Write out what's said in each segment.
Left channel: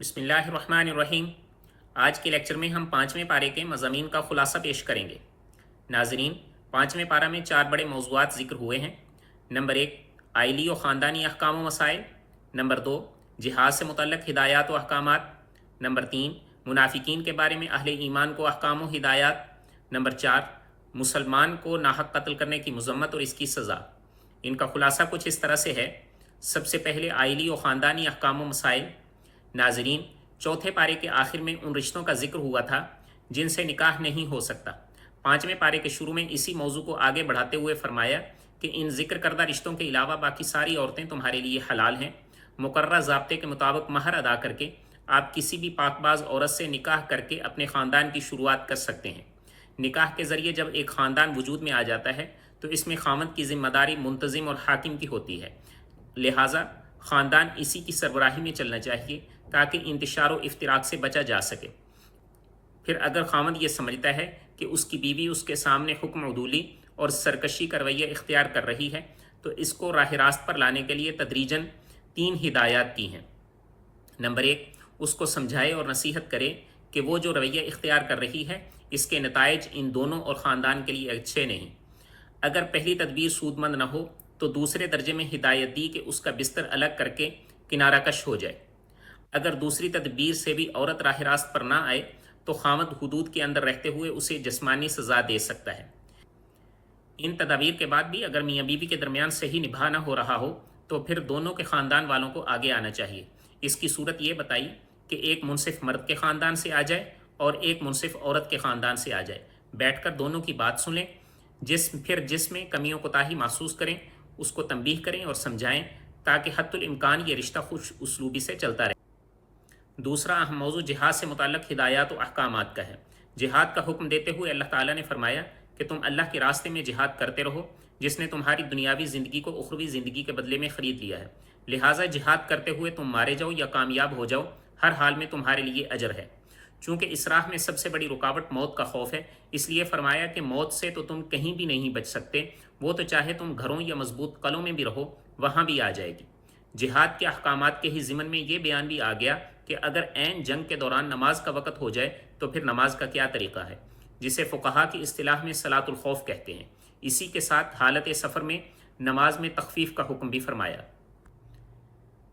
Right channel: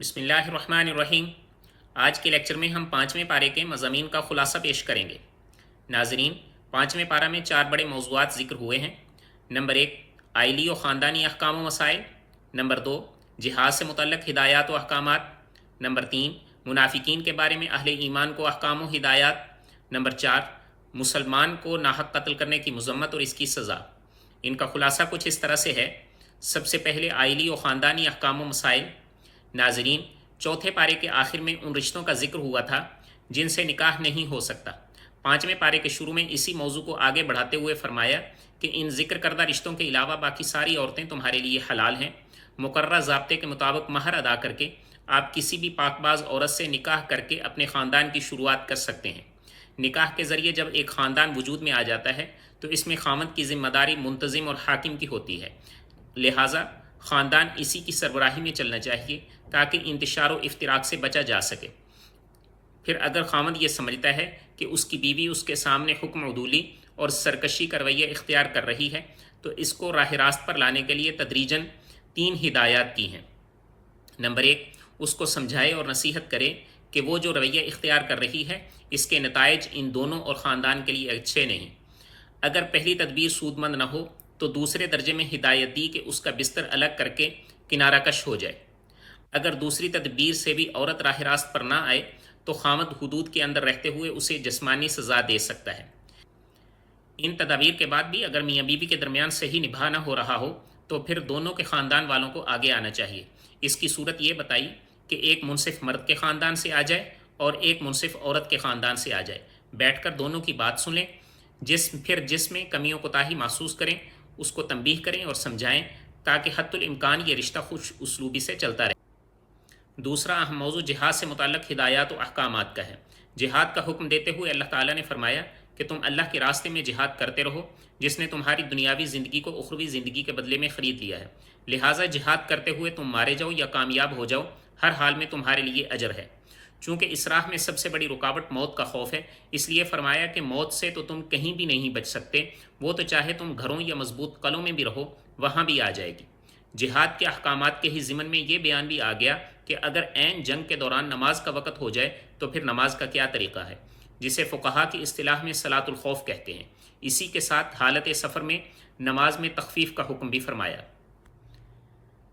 बिस्मिल्लाहिर्रहमानिर्रहीम। आज के लेक्चर में हम 5वें पारे के मज़ामीन का खुलासा पेश करेंगे। नाजरीन, 5वें पारा में 4 बड़े मौज़ूआत ज़िक्र हुए हैं। नंबर 1, आइली व ख़ानदानी अहकाम व मसाइल। नंबर 2, जिहाद से मुतल्लक़ हिदायत व अहकामात। नंबर 3, मुनाफिकीन के बारे में अहले ईमान को अहकाम व हिदायत। नंबर 4, मुसलमान को नाहक कत्ल करने की मज़म्मत और इसकी सज़ा। इनका खुलासा कुछ इस तरह से है। सबसे पहले आइली व ख़ानदानी अहकाम व मसाइल। नाजरीन, चौथे पारे के आखिर में उन रिश्तों का जिक्र हुआ था जिनसे निकाह नहीं हो सकता। 5वें पारे के शुरू में इसी मौजू को आगे बढ़ाते हुए फरमाया कि इन जिक्र करदा रिश्तों के अलावा बाकी सारी औरतें तुम्हारे लिए हलाल हैं। मुकर्रर ज़ाब्ते के मुताबिक महर अदा करके आप किसी भी पाकबाज औरत से निकाह करके अपने ख़ानदान की शुरुआत कर सकते हैं। निकाह के ज़रिए जब एक ख़ानदान वजूद में आ जाता है तो इसमें खामद की ज़िम्मेदारी मुंतज़िम और हाकिम की होती है। लिहाजा ख़ानदान इसी की सरबराही में चलना चाहिए ताकि इंतशार व इफ्तिराक से बचा जा सके। फिर अगर खामद ये समझता है कि उसकी बीवी उसके सामने हुक्म उदूली और सरकशी का रवैया इख्तियार कर रही है तो इसको राह रास्त पर लाने के लिए तदरीजन 3 हिदायत की हैं। नंबर 1, उसको समझाए और नसीहत करे कि वो जो रवैया इख्तियार कर रही है इसके नताइज इन दोनों और ख़ानदान के लिए अच्छे नहीं। अगर पहली तदबीर सूदमंद न हो तो दूसरे दर्जे में हिदायत दी कि उसका बिस्तर अलग करके किनारा कश हो जाए। अगर दूसरी तदबीर से भी औरत राह रास्त पर ना आए तो खामद हुदूद के अंदर रहते हुए उसे जिस्मानी सज़ा दे सकता है। इन तदाबीर के बाद भी अगर मियाँ बीवी के दरमियान सही निभा ना हो रहा हो तो फिर दोनों के ख़ानदान वालों को आगे आना चाहिए। इसकी सूरत ये बताई कि एक मुनसिफ मर्द के ख़ानदान से आ जाए और एक मुनसिफ औरत के ख़ानदान से आ जाए। बैठकर दोनों की बात सुनें, जिसमें कमियों कोताही महसूस करें उसको तंबीह करें और समझाएं ताकि हत्तुल इम्कान ये रिश्ता खुश उसलूबी से चलता रहे। दूसरा अहम मौजू जिहाद से मुतल्लक़ हिदायत व अहकामात का है। जिहाद का हुक्म देते हुए अल्लाह ताला ने फरमाया कि तुम अल्लाह के रास्ते में जिहाद करते रहो जिसने तुम्हारी दुनियावी ज़िंदगी को उखरवी ज़िंदगी के बदले में ख़रीद लिया है। लिहाजा जिहाद करते हुए तुम मारे जाओ या कामयाब हो जाओ, हर हाल में तुम्हारे लिए अजर है। चूँकि इस राह में सबसे बड़ी रुकावट मौत का खौफ है, इसलिए फरमाया कि मौत से तो तुम कहीं भी नहीं बच सकते, वो तो चाहे तुम घरों या मजबूत कलों में भी रहो वहाँ भी आ जाएगी। जिहाद के अहकामात के ही ज़िमन में ये बयान भी आ गया कि अगर ऐन जंग के दौरान नमाज का वक़्त हो जाए तो फिर नमाज का क्या तरीक़ा है, जिसे फ़ुक़हा की इस्तिलाह में सलातुल खौफ कहते हैं। इसी के साथ हालत सफ़र में नमाज में तख़फ़ीफ़ का हुक्म भी फरमाया।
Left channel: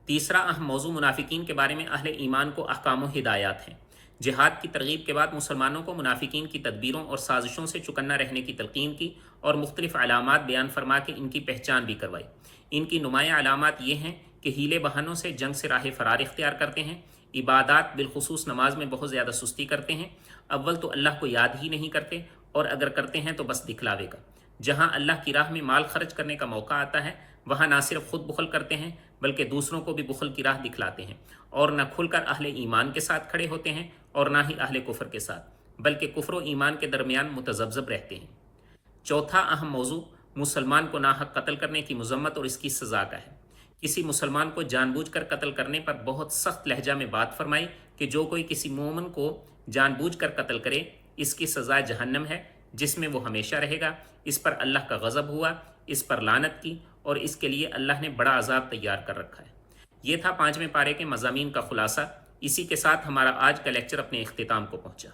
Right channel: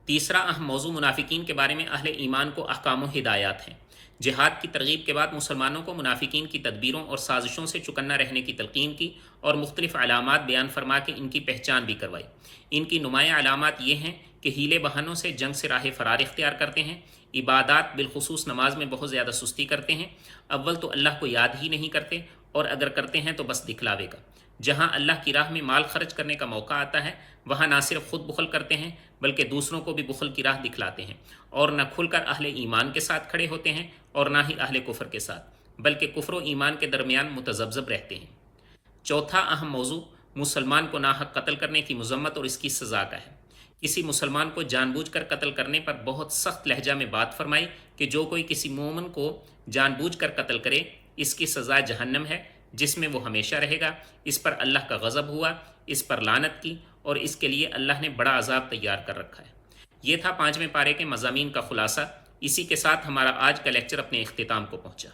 तीसरा अहम मौजू मुनाफिकीन के बारे में अहले ईमान को अहकाम व हिदायत हैं। जिहाद की तरगीब के बाद मुसलमानों को मुनाफिकीन की तदबीरों और साजिशों से चुकन्ना रहने की तलकीन की और मुख्तलिफ अलामात बयान फरमा के इनकी पहचान भी करवाई। इनकी नुमाया अलामात ये हैं कि हीले बहानों से जंग से राह फ़रार इख्तियार करते हैं, इबादत बिलखुसूस नमाज में बहुत ज़्यादा सुस्ती करते हैं, अव्वल तो अल्लाह को याद ही नहीं करते और अगर करते हैं तो बस दिखलावे का। जहाँ अल्लाह की राह में माल खर्च करने का मौका आता है वहाँ ना सिर्फ खुद बुखल करते हैं बल्कि दूसरों को भी बुखल की राह दिखलाते हैं और न खुलकर अहले ईमान के साथ खड़े होते हैं और ना ही अहले कुफ्र के साथ, बल्कि कुफ्र व ईमान के दरमियान मुतज़ब्ज़ब रहते हैं। चौथा अहम मौजू मुसलमान को नाहक कत्ल करने की मज़म्मत और इसकी सज़ा का है। किसी मुसलमान को जानबूझकर कत्ल करने पर बहुत सख्त लहजा में बात फरमाई कि जो कोई किसी मोमिन को जानबूझकर कत्ल करे इसकी सज़ा जहन्नम है जिसमें वो हमेशा रहेगा। इस पर अल्लाह का गज़ब हुआ, इस पर लानत की और इसके लिए अल्लाह ने बड़ा अजाब तैयार कर रखा है। ये था 5वें पारे के मज़ामीन का खुलासा। इसी के साथ हमारा आज का लेक्चर अपने इख्तिताम को पहुँचा।